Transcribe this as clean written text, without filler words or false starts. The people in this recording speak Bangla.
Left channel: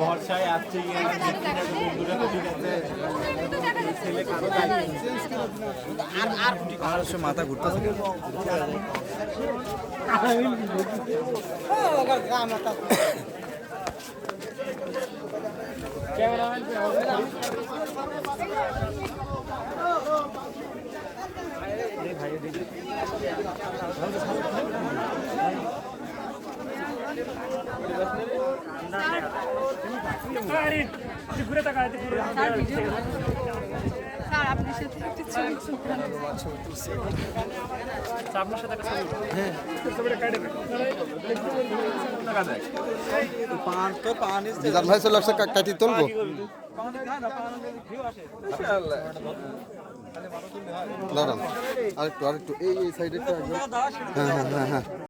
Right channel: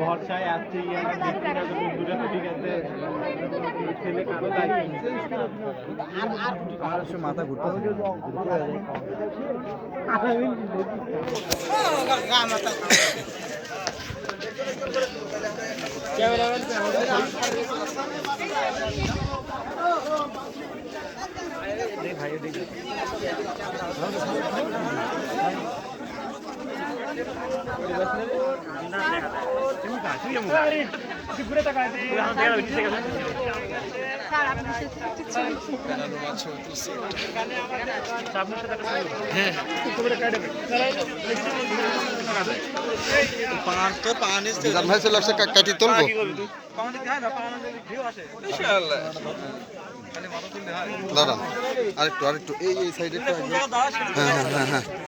ভরসায় আসছে পাহাড়ের মাথা ঘুরতে ভাই ঘুরে তাকাতে কাটি তুলবো দাঁড়ান আরেকটু এই সাইডে হ্যাঁ হ্যাঁ হ্যাঁ হ্যাঁ